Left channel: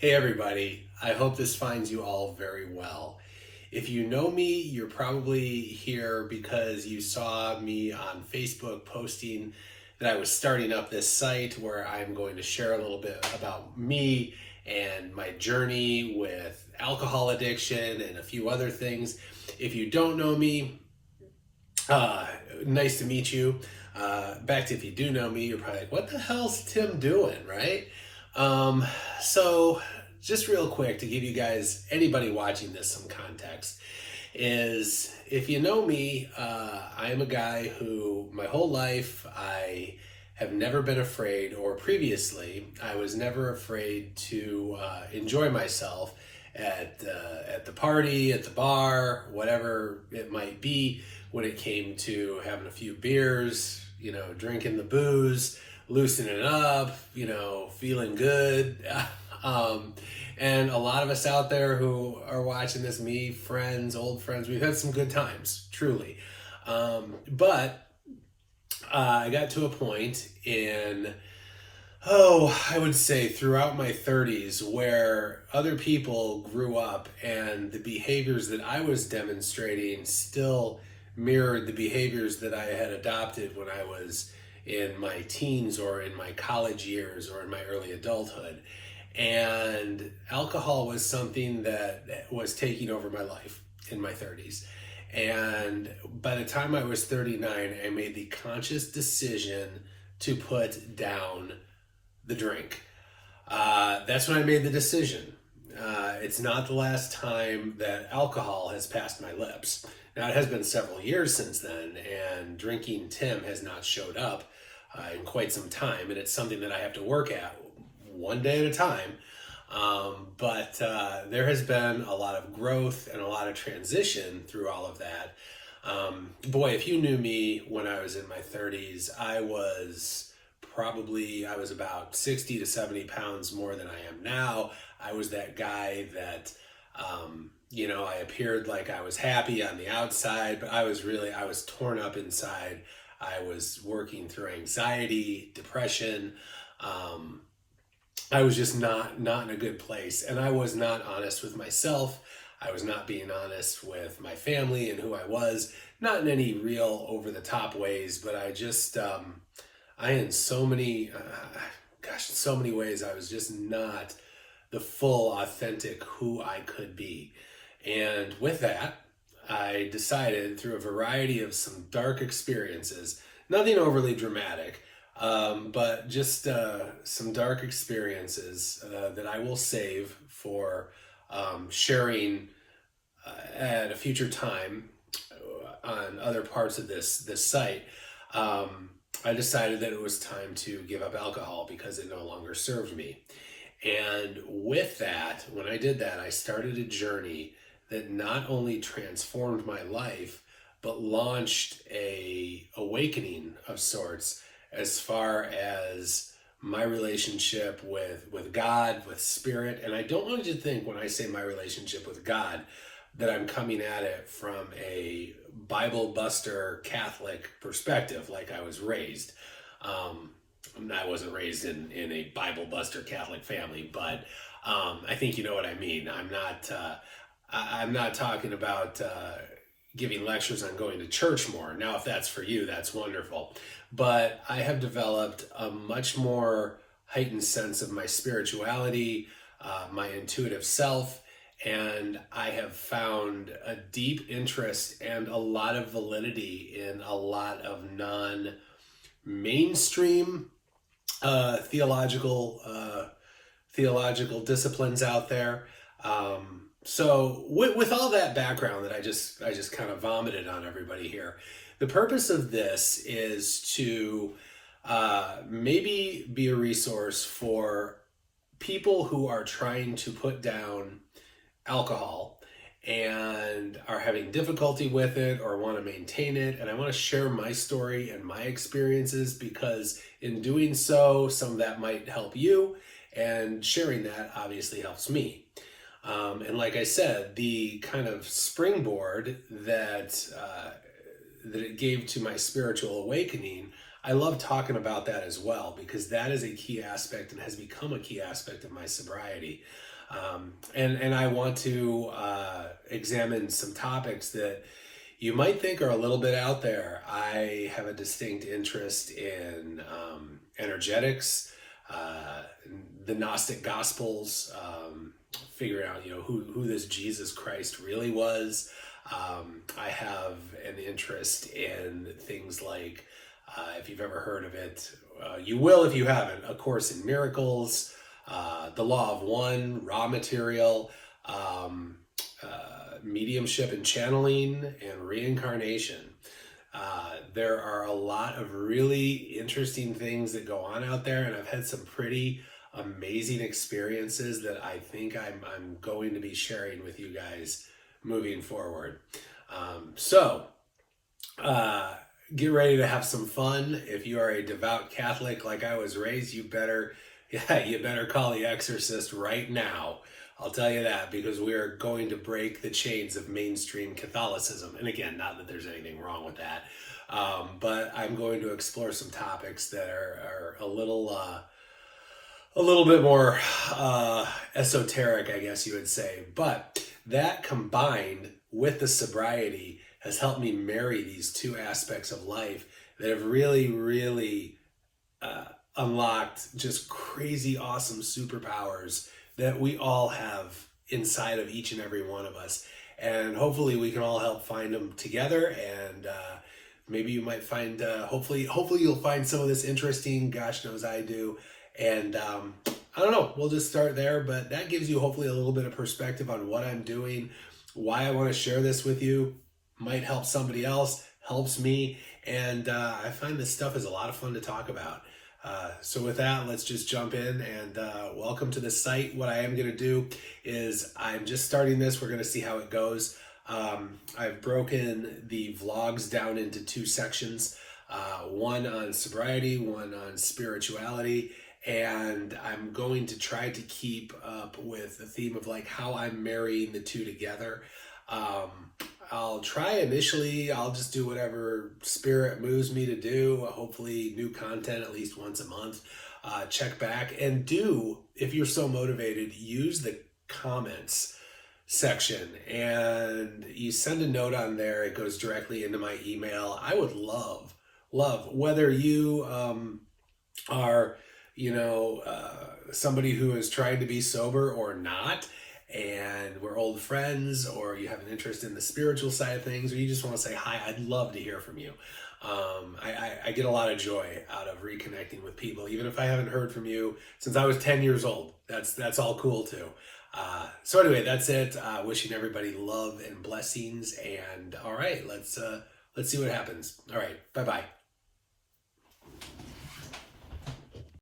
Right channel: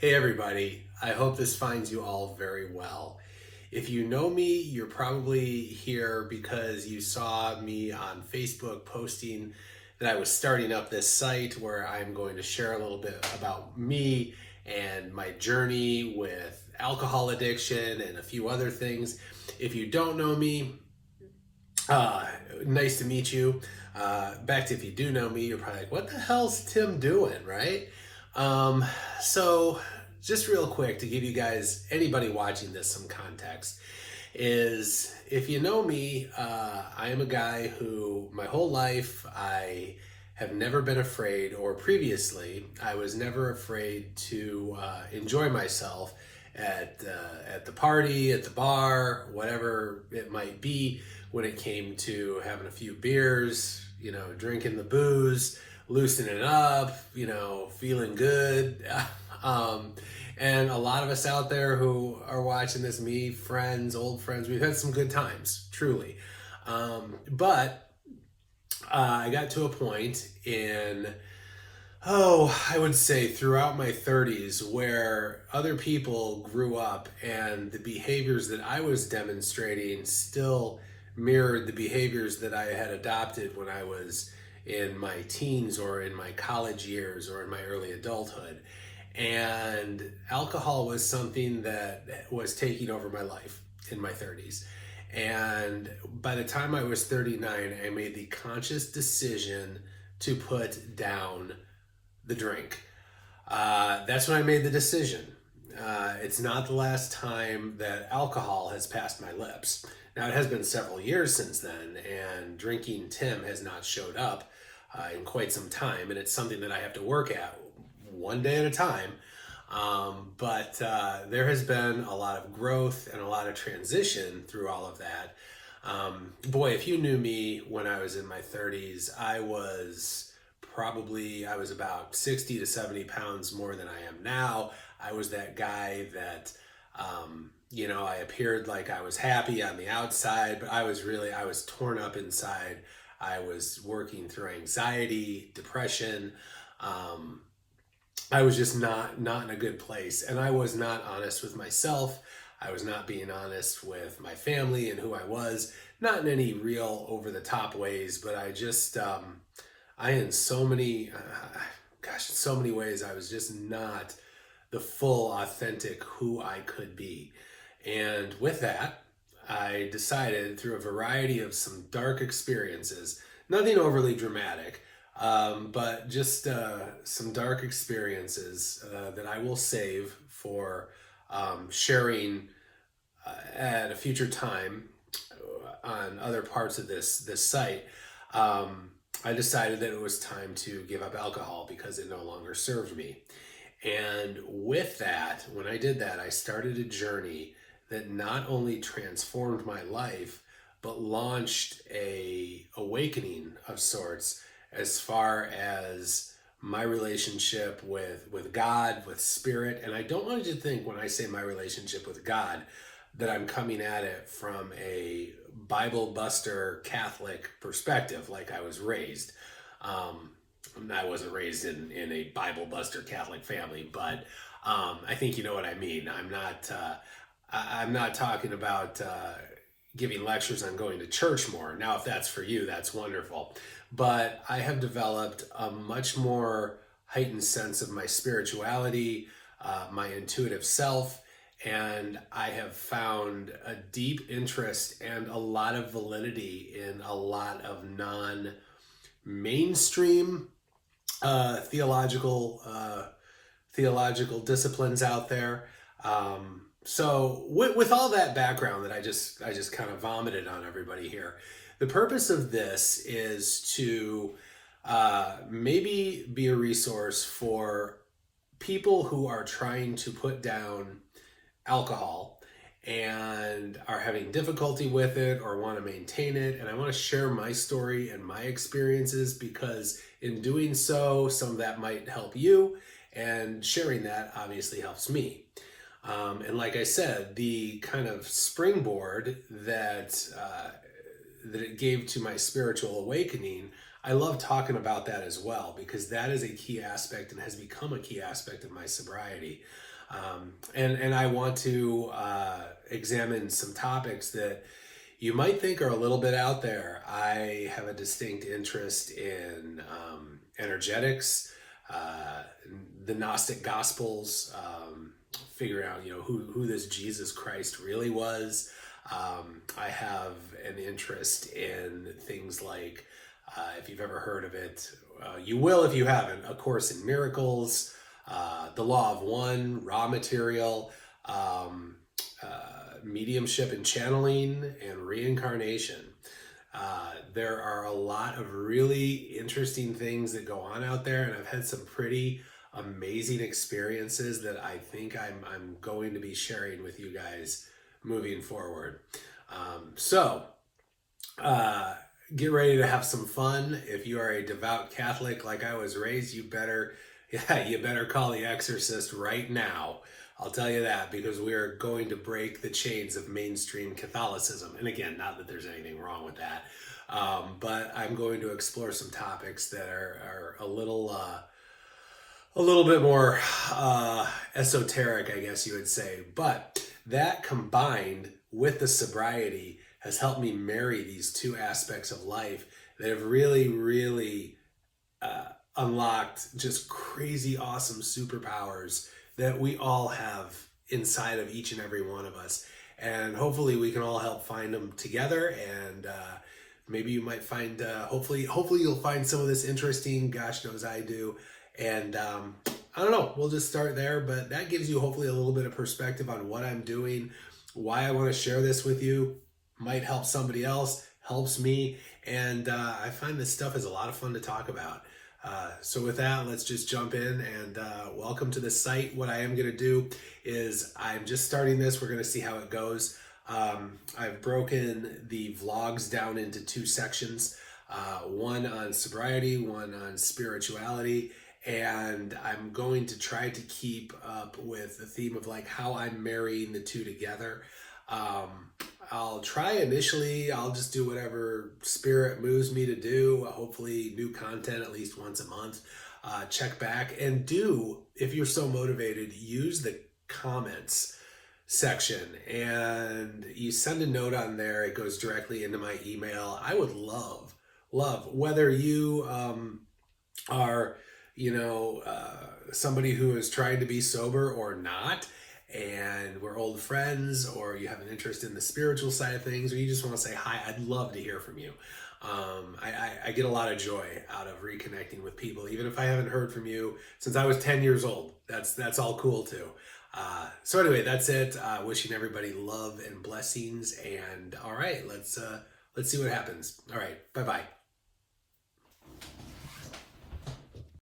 Hey everybody, I hope this finds you all very well. If you know me, you're probably here because you saw me on Facebook posting that I was starting up this site where I'm going to share a little bit about me and my journey with alcohol addiction and a few other things. If you don't know me, uh, nice to meet you. Back to if you do know me, you're probably like, what the hell's Tim doing, right? Um, so, just real quick to give you guys, anybody watching this, some context, is if you know me, I am a guy who my whole life I have never been afraid, or previously, I was never afraid to enjoy myself at the party, at the bar, whatever it might be. When it came to having a few beers, drinking the booze, loosening up, feeling good. um, and a lot of us out there who are watching this, me, friends, old friends, we've had some good times, truly. But I got to a point in, I would say throughout my 30s where other people grew up and the behaviors that I was demonstrating still mirrored the behaviors that I had adopted when I was in my teens or in my college years or in my early adulthood. And alcohol was something that was taking over my life in my 30s. And by the time I was 39, I made the conscious decision to put down the drink. That's when I made the decision. It's not the last time that alcohol has passed my lips. Now, it has been several years since then, and drinking Tim has not showed up in quite some time, and it's something that I have to work at one day at a time. But there has been a lot of growth and a lot of transition through all of that. Boy, if you knew me when I was in my 30s, I was about 60 to 70 pounds more than I am now. I was that guy that, I appeared like I was happy on the outside, but I was torn up inside. I was working through anxiety, depression. I was just not in a good place, and I was not honest with myself. I was not being honest with my family and who I was, not in any real over the top ways, but I in so many, so many ways, I was just not the full, authentic who I could be. And with that, I decided through a variety of some dark experiences, nothing overly dramatic, but just some dark experiences that I will save for sharing at a future time on other parts of this site. I decided that it was time to give up alcohol because it no longer served me. And with that, when I did that, I started a journey that not only transformed my life, but launched a awakening of sorts as far as my relationship with God, with spirit. And I don't want you to think when I say my relationship with God that I'm coming at it from a Bible buster Catholic perspective like I was raised. I wasn't raised in a Bible buster Catholic family, but I think you know what I mean. I'm not talking about giving lectures on going to church more. Now, if that's for you, that's wonderful. But I have developed a much more heightened sense of my spirituality, my intuitive self, and I have found a deep interest and a lot of validity in a lot of non-mainstream theological disciplines out there. So with all that background that I just kind of vomited on everybody here, the purpose of this is to maybe be a resource for people who are trying to put down alcohol and are having difficulty with it or want to maintain it. And I want to share my story and my experiences because in doing so, some of that might help you, and sharing that obviously helps me. And like I said, the kind of springboard that it gave to my spiritual awakening, I love talking about that as well, because that is a key aspect and has become a key aspect of my sobriety. And I want to examine some topics that you might think are a little bit out there. I have a distinct interest in energetics, the Gnostic Gospels, figuring out, who this Jesus Christ really was. I have an interest in things like, if you've ever heard of it, you will if you haven't, A Course in Miracles, The Law of One, Raw Material, mediumship and channeling, and reincarnation. There are a lot of really interesting things that go on out there, and I've had some pretty amazing experiences that I think I'm going to be sharing with you guys moving forward. Get ready to have some fun. If you are a devout Catholic like I was raised, you better call the exorcist right now. I'll tell you that, because we are going to break the chains of mainstream Catholicism. And again, not that there's anything wrong with that, but I'm going to explore some topics that are a little bit more esoteric, I guess you would say. But that, combined with the sobriety, has helped me marry these two aspects of life that have really, really unlocked just crazy, awesome superpowers that we all have inside of each and every one of us. And hopefully we can all help find them together. And maybe you might find, hopefully you'll find some of this interesting. Gosh knows I do. And I don't know, we'll just start there. But that gives you hopefully a little bit of perspective on what I'm doing, why I want to share this with you. Might help somebody else, helps me. And I find this stuff is a lot of fun to talk about. So with that, let's just jump in, and welcome to the site. What I am going to do is, I'm just starting this. We're going to see how it goes. I've broken the vlogs down into two sections, one on sobriety, one on spirituality, and I'm going to try to keep up with the theme of like how I'm marrying the two together. I'll try initially, I'll just do whatever spirit moves me to do. Hopefully new content at least once a month. Check back, and do, if you're so motivated, use the comments section, and you send a note on there. It goes directly into my email. I would love, whether you are, somebody who is trying to be sober or not, and we're old friends, or you have an interest in the spiritual side of things, or you just want to say hi, I'd love to hear from you. I get a lot of joy out of reconnecting with people, even if I haven't heard from you since I was 10 years old. That's all cool too. So anyway, that's it. Wishing everybody love and blessings. And all right, let's see what happens. All right, bye-bye.